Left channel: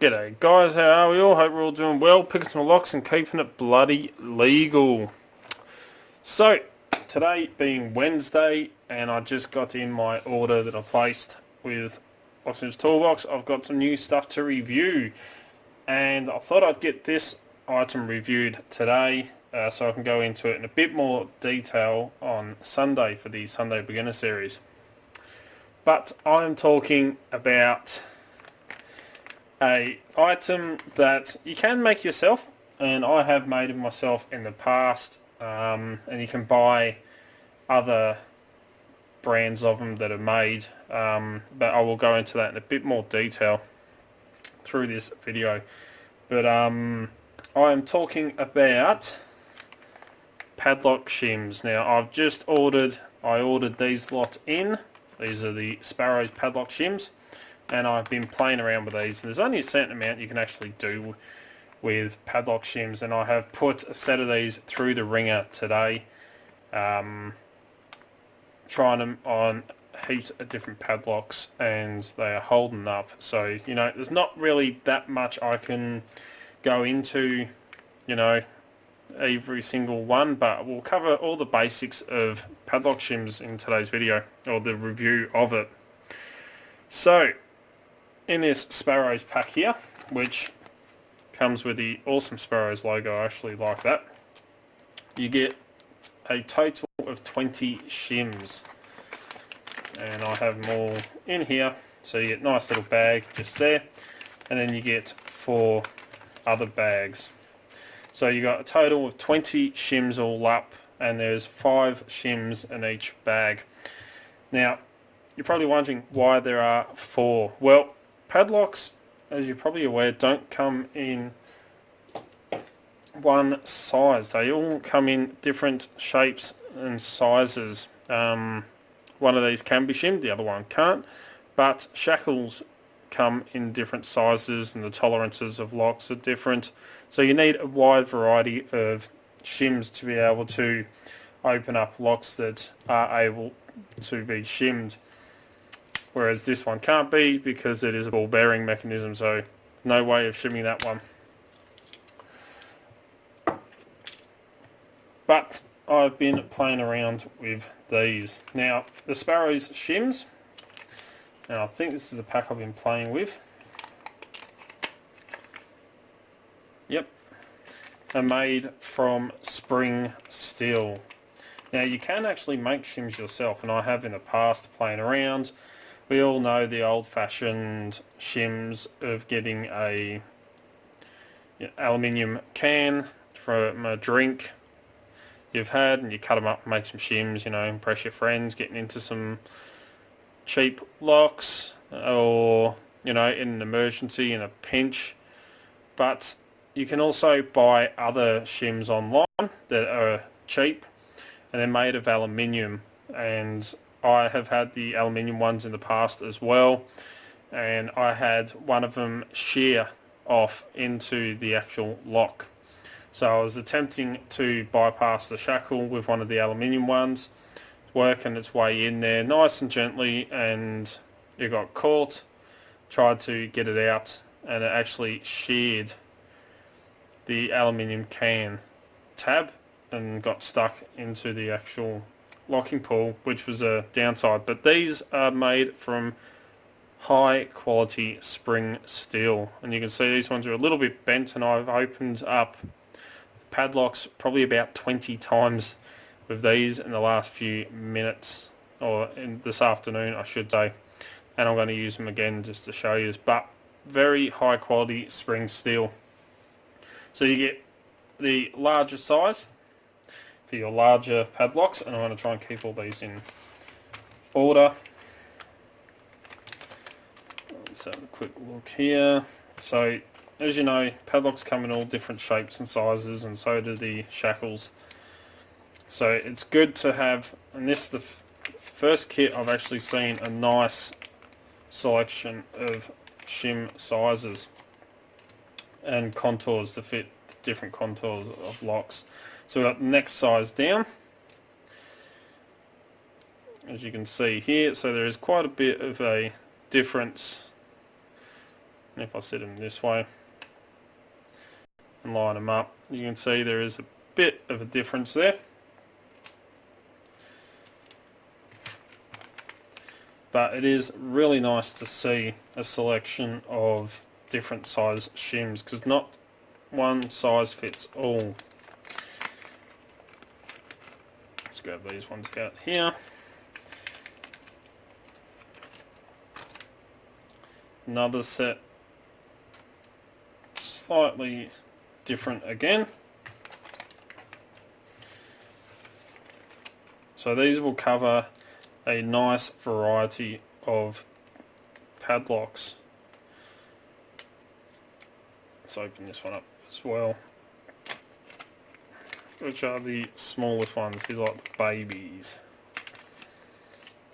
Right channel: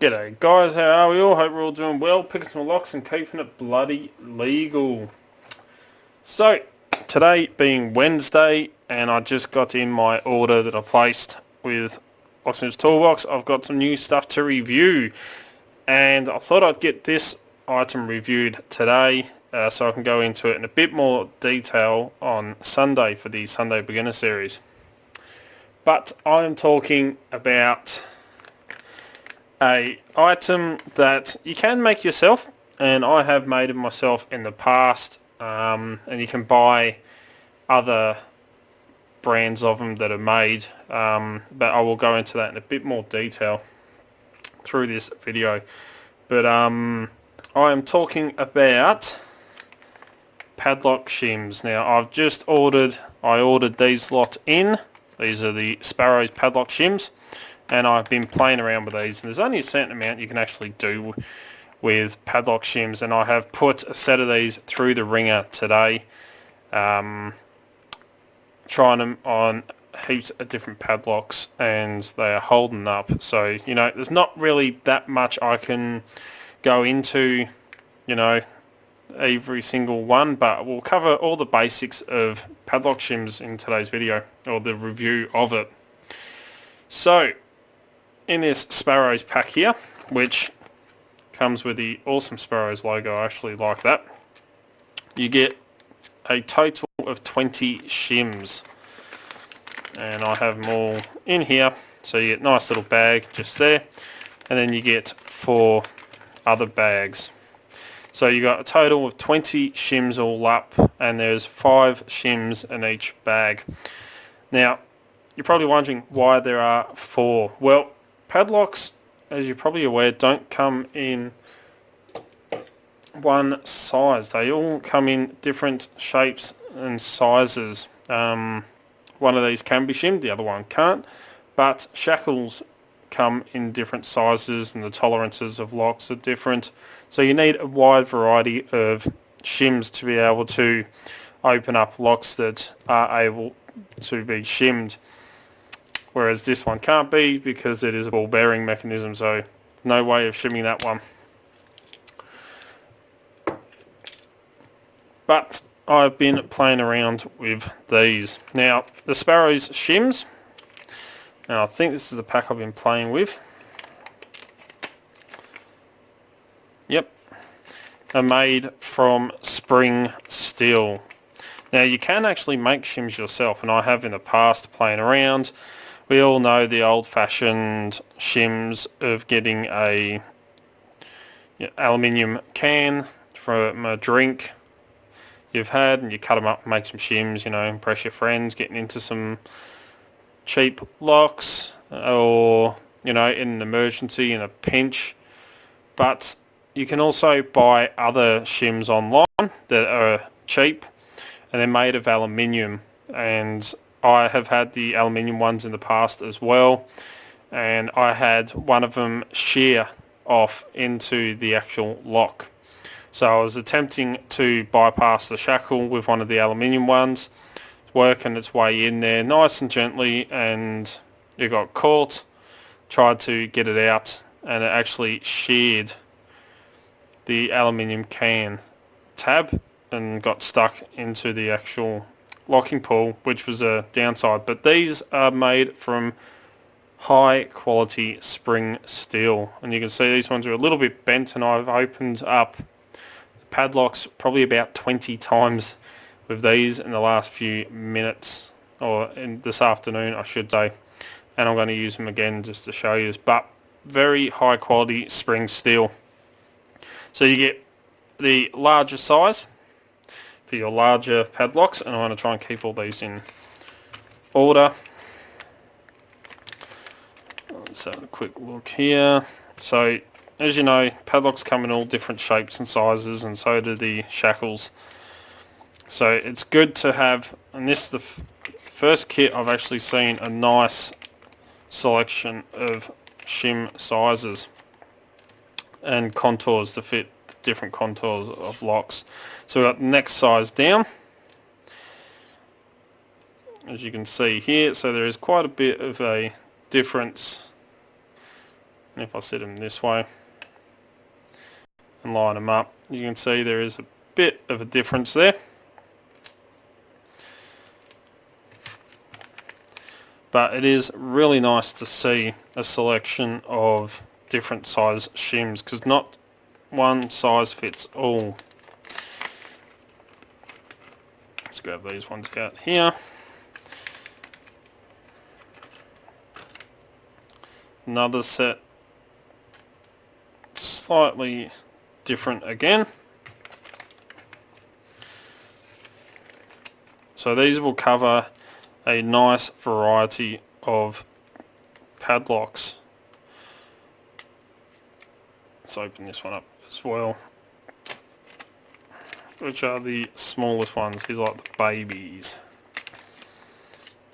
G'day guys, how are we all? Hope we're all doing well, picking some locks and keeping it bloody legal. So, today being Wednesday, and I just got in my order that I placed with Locksmith's Toolbox. I've got some new stuff to review, and I thought I'd get this item reviewed today so I can go into it in a bit more detail on Sunday for the Sunday Beginner Series. But I'm talking about a item that you can make yourself, and I have made it myself in the past, and you can buy other brands of them that are made, but I will go into that in a bit more detail through this video. But I am talking about Padlock Shims. Now I ordered these lot in. These are the Sparrows Padlock Shims, and I've been playing around with these, and there's only a certain amount you can actually do with padlock shims, and I have put a set of these through the ringer today, trying them on heaps of different padlocks, and they are holding up. So, you know, there's not really that much I can go into, you know, every single one, but we'll cover all the basics of padlock shims in today's video, or the review of it. So, in this Sparrows pack here, which comes with the awesome Sparrows logo, I actually like that, you get a total of 20 shims, and I have them all in here. So you get a nice little bag just there, and then you get 4 other bags. So you got a total of 20 shims all up, and there's 5 shims in each bag. Now, you're probably wondering why there are 4. Well, padlocks, as you're probably aware, don't come in one size. They all come in different shapes and sizes. One of these can be shimmed, the other one can't. But shackles come in different sizes, and the tolerances of locks are different. So you need a wide variety of shims to be able to open up locks that are able to be shimmed. Whereas this one can't be, because it is a ball bearing mechanism, so no way of shimming that one. But I've been playing around with these. Now, the Sparrows Shims, now I think this is the pack I've been playing with. Yep, are made from spring steel. Now, you can actually make shims yourself, and I have in the past playing around. We all know the old-fashioned shims of getting a aluminium can from a drink you've had, and you cut them up and make some shims, you know, impress your friends, getting into some cheap locks, or, you know, in an emergency, in a pinch. But you can also buy other shims online that are cheap, and they're made of aluminium, and I have had the aluminium ones in the past as well, and I had one of them shear off into the actual lock. So I was attempting to bypass the shackle with one of the aluminium ones, working its way in there nice and gently, and it got caught. Tried to get it out, and it actually sheared the aluminium can tab and got stuck into the actual locking pull, which was a downside. But these are made from high quality spring steel, and you can see these ones are a little bit bent, and I've opened up padlocks probably about 20 times with these in the last few minutes, or in this afternoon I should say, and I'm going to use them again just to show you. But very high quality spring steel. So you get the larger size for your larger padlocks, and I'm going to try and keep all these in order. Let's have a quick look here. So, as you know, padlocks come in all different shapes and sizes, and so do the shackles. So it's good to have, and this is the first kit I've actually seen a nice selection of shim sizes and contours to fit different contours of locks. So we've got the next size down, as you can see here. So there is quite a bit of a difference And if I set them this way and line them up, you can see there is a bit of a difference there. But it is really nice to see a selection of different size shims, because not one size fits all. Let's grab these ones out here. Another set, slightly different again. So these will cover a nice variety of padlocks. Let's open this one up as well. Which are the smallest ones? These are like the babies.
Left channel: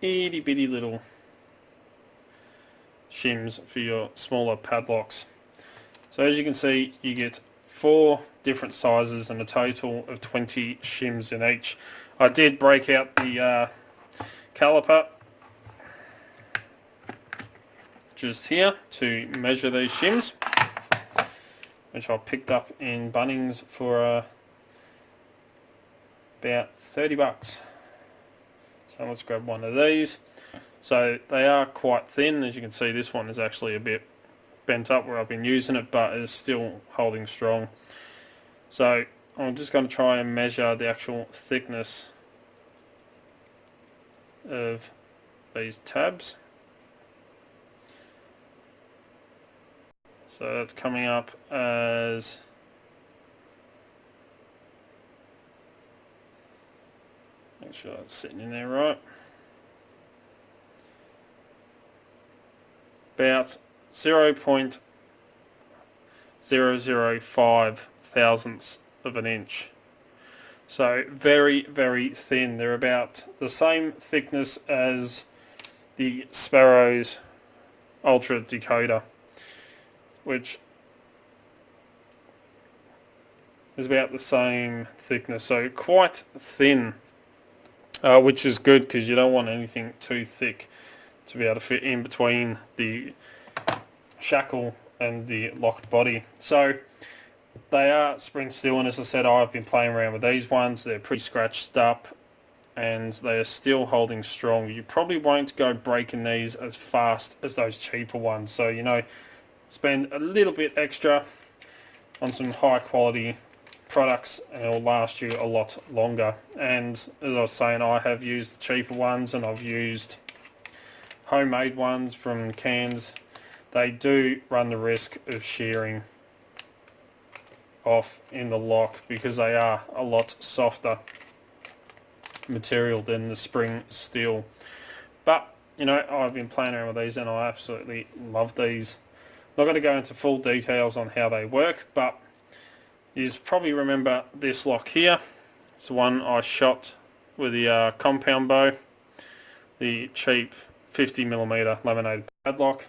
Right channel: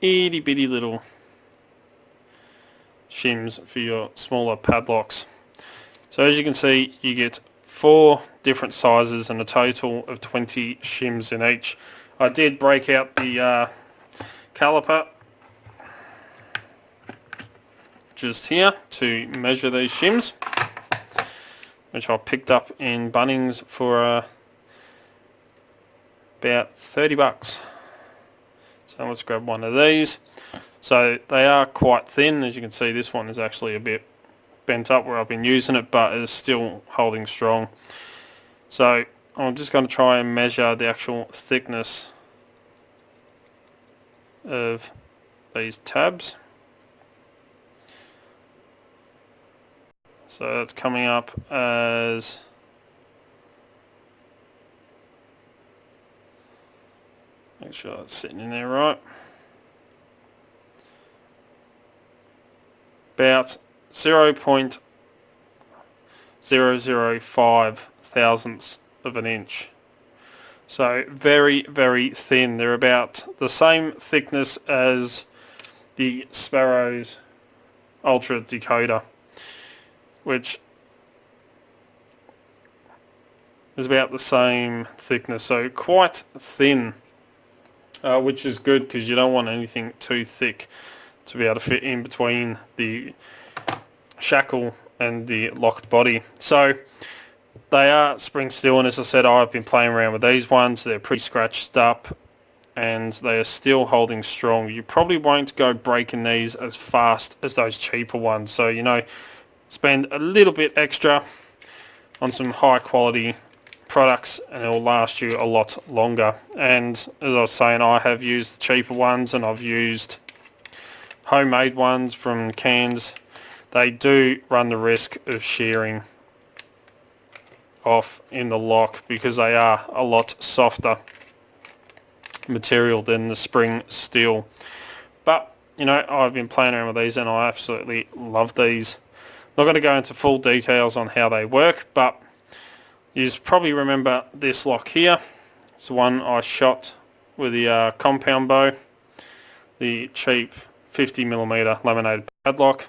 Itty bitty little shims for your smaller padlocks. So as you can see, you get 4 different sizes and a total of 20 shims in each. I did break out the caliper just here to measure these shims, which I picked up in Bunnings for about 30 bucks. So let's grab one of these. So they are quite thin. As you can see, this one is actually a bit bent up where I've been using it, but it is still holding strong. So I'm just going to try and measure the actual thickness of these tabs. So that's coming up as make sure it's sitting in there right. About 0.005 thousandths of an inch. So very, very thin. They're about the same thickness as the Sparrows Ultra Decoder, which is about the same thickness. So quite thin, which is good because you don't want anything too thick to be able to fit in between the shackle and the locked body. So they are spring steel, and as I said, I've been playing around with these ones. They're pretty scratched up and they are still holding strong. You probably won't go breaking these as fast as those cheaper ones, so you know, spend a little bit extra on some high quality products and it will last you a lot longer. And as I was saying, I have used the cheaper ones and I've used homemade ones from cans. They do run the risk of shearing off in the lock because they are a lot softer material than the spring steel. But you know, I've been playing around with these and I absolutely love these. Not going to go into full details on how they work, but you probably remember this lock here. It's the one I shot with the compound bow, the cheap 50mm laminated padlock.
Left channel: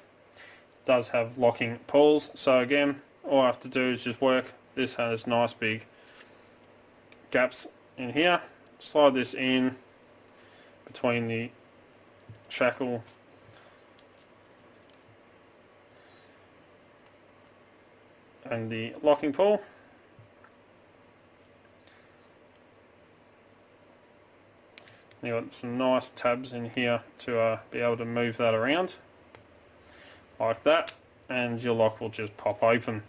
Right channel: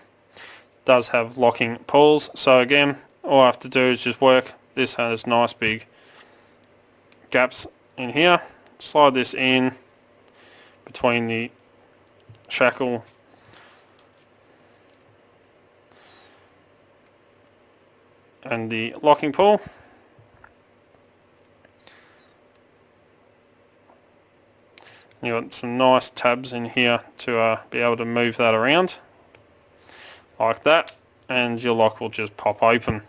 Does have locking pulls, so again, all I have to do is just work. This has nice big gaps in here. Slide this in between the shackle and the locking pull. You've got some nice tabs in here to be able to move that around like that, and your lock will just pop open.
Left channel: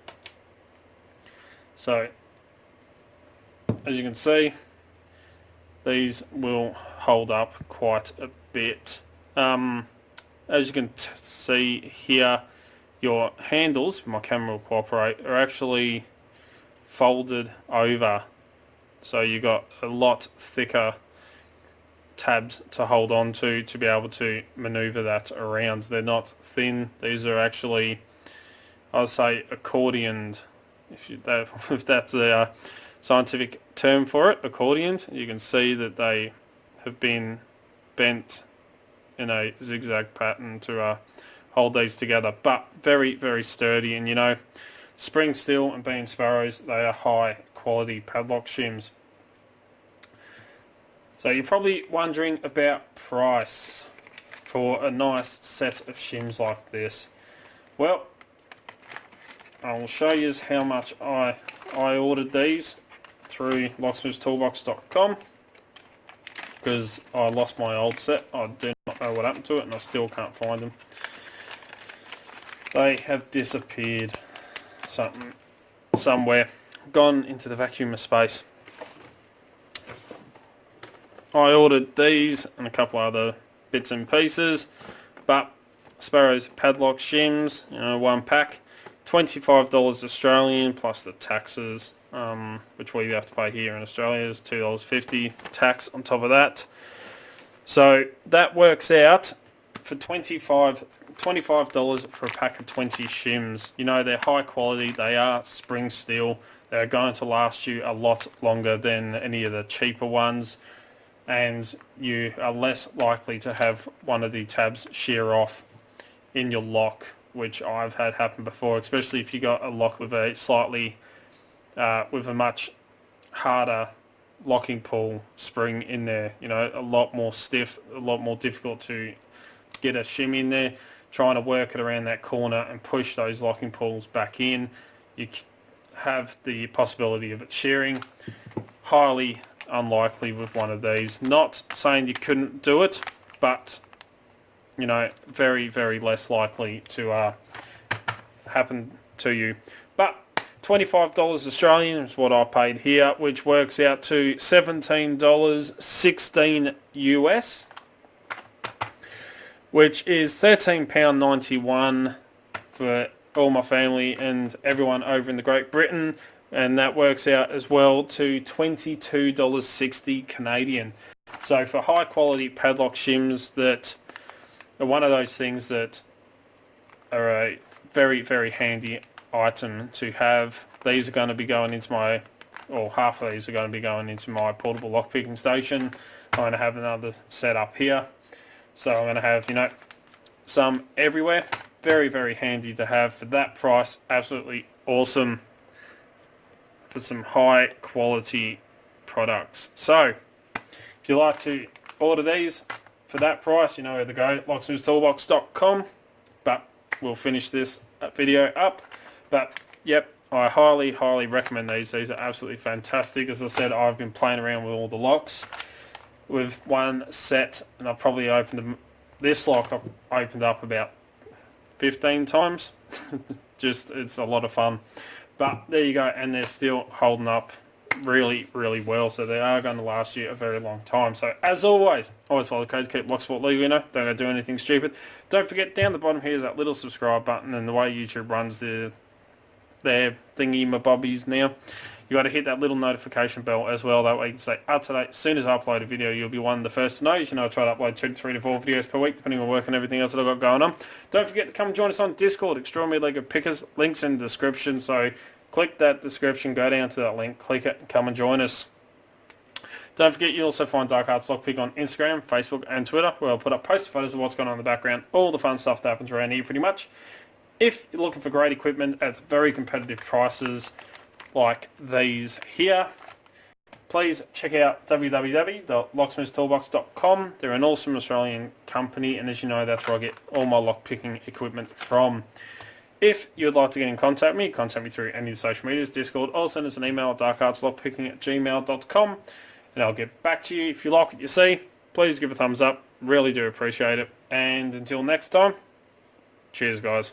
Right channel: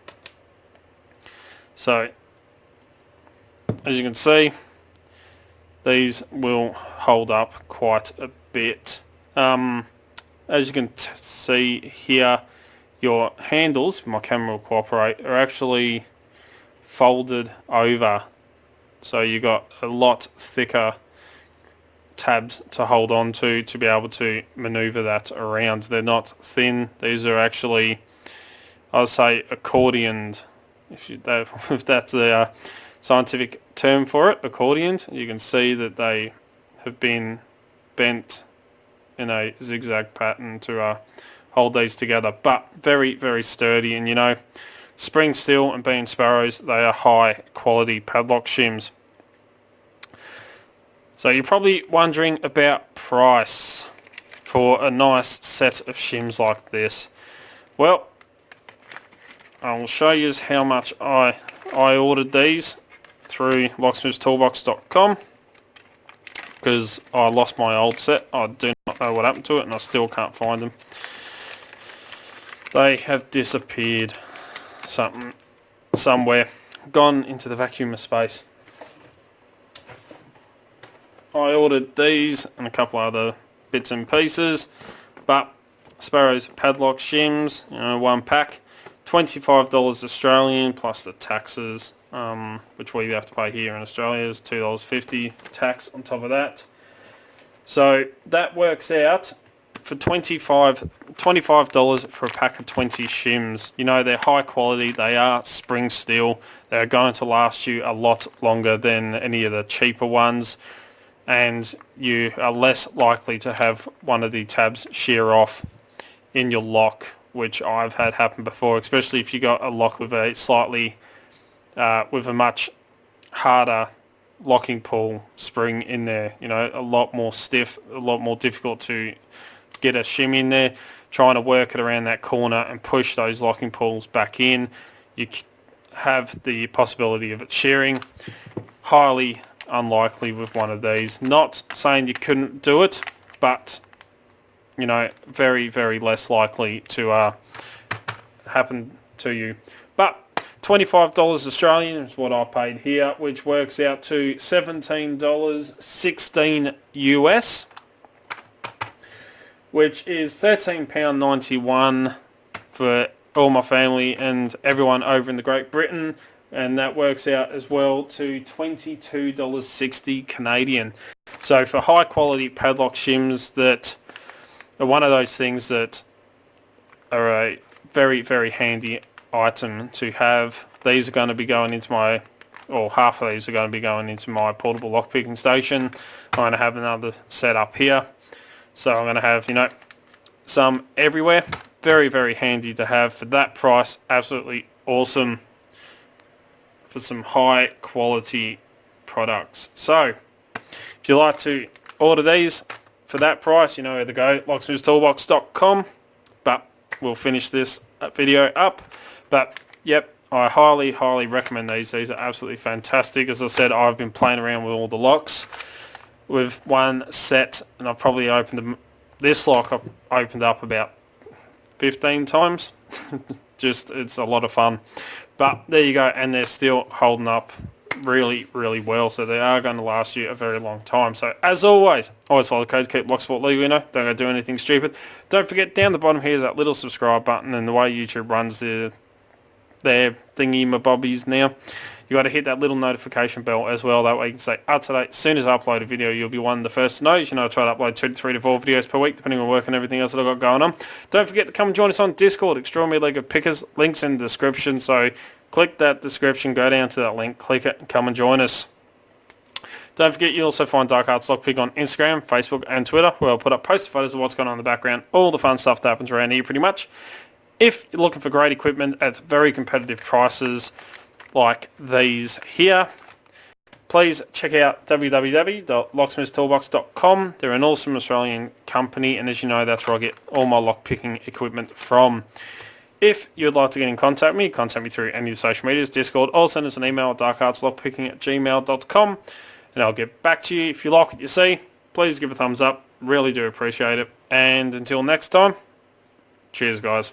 So as you can see, these will hold up quite a bit. As you can see here, your handles, if my camera will cooperate, are actually folded over, so you got a lot thicker tabs to hold on to be able to maneuver that around. They're not thin. These are actually, I'll say, accordioned, if that's a scientific term for it, accordioned. You can see that they have been bent in a zigzag pattern to hold these together, but very, very sturdy. And you know, spring steel and being Sparrows, they are high quality padlock shims. So you're probably wondering about price for a nice set of shims like this. Well, I'll show you how much I ordered these through locksmithstoolbox.com, because I lost my old set. I do not know what happened to it, and I still can't find them. They have disappeared somewhere, gone into the vacuum of space. I ordered these and a couple other bits and pieces, but Sparrows Padlock Shims, one pack, $25 Australian plus the taxes, which we have to pay here in Australia is $2.50 tax on top of that. So that works out for $25 for a pack of 20 shims. They're high quality, they are spring steel, they're going to last you a lot longer than any of the cheaper ones, and you are less likely to have one of the tabs shear off in your lock, which I've had happen before, especially if you got a lock with a with a much harder locking pull spring in there, a lot more stiff, a lot more difficult to get a shim in there. Trying to work it around that corner and push those locking pulls back in, you have the possibility of it shearing. Highly unlikely with one of these. Not saying you couldn't do it, but very, very less likely to happen to you. But $25 Australian is what I paid here, which works out to $17.16 US, which is £13.91 for all my family and everyone over in the Great Britain, and that works out as well to $22.60 Canadian. So for high quality padlock shims that are one of those things that are a very, very handy item to have. These are going to be going into my, or half of these are going to be going into my portable lockpicking station. I'm going to have another set up here. So I'm going to have, some everywhere. Very, very handy to have for that price. Absolutely awesome for some high quality products. So if you like to order these for that price, you know where to go, locksmithstoolbox.com. But we'll finish this video up. But yep, I highly, highly recommend these. These are absolutely fantastic. As I said, I've been playing around with all the locks with one set, and I've probably opened them. This lock I've opened up about 15 times. Just, it's a lot of fun. But there you go, and they're still holding up really, really well, so they are going to last you a very long time. So as always follow the code to keep Locksport legal, don't go do anything stupid. Don't forget, down the bottom here is that little subscribe button, and the way YouTube runs their thingy-mabobbies now, you got to hit that little notification bell as well. That way you can stay up to date. As soon as I upload a video, you'll be one of the first to know. As you know, I try to upload 2 to 3 to 4 videos per week, depending on work and everything else that I've got going on. Don't forget to come and join us on Discord, Extraordinary League of Pickers. Links in the description, so click that description, go down to that link, click it, and come and join us. Don't forget, you'll also find Dark Arts Lockpick on Instagram, Facebook, and Twitter, where I'll put up post photos of what's going on in the background, all the fun stuff that happens around here pretty much. If you're looking for great equipment at very competitive prices like these here, please check out www.locksmithstoolbox.com. They're an awesome Australian company, and as you know, that's where I get all my lockpicking equipment from. If you'd like to get in contact with me, contact me through any of the social medias, Discord, or send us an email at darkartslockpicking@gmail.com, and I'll get back to you. If you like what you see, please give a thumbs up. Really do appreciate it. And until next time, cheers guys.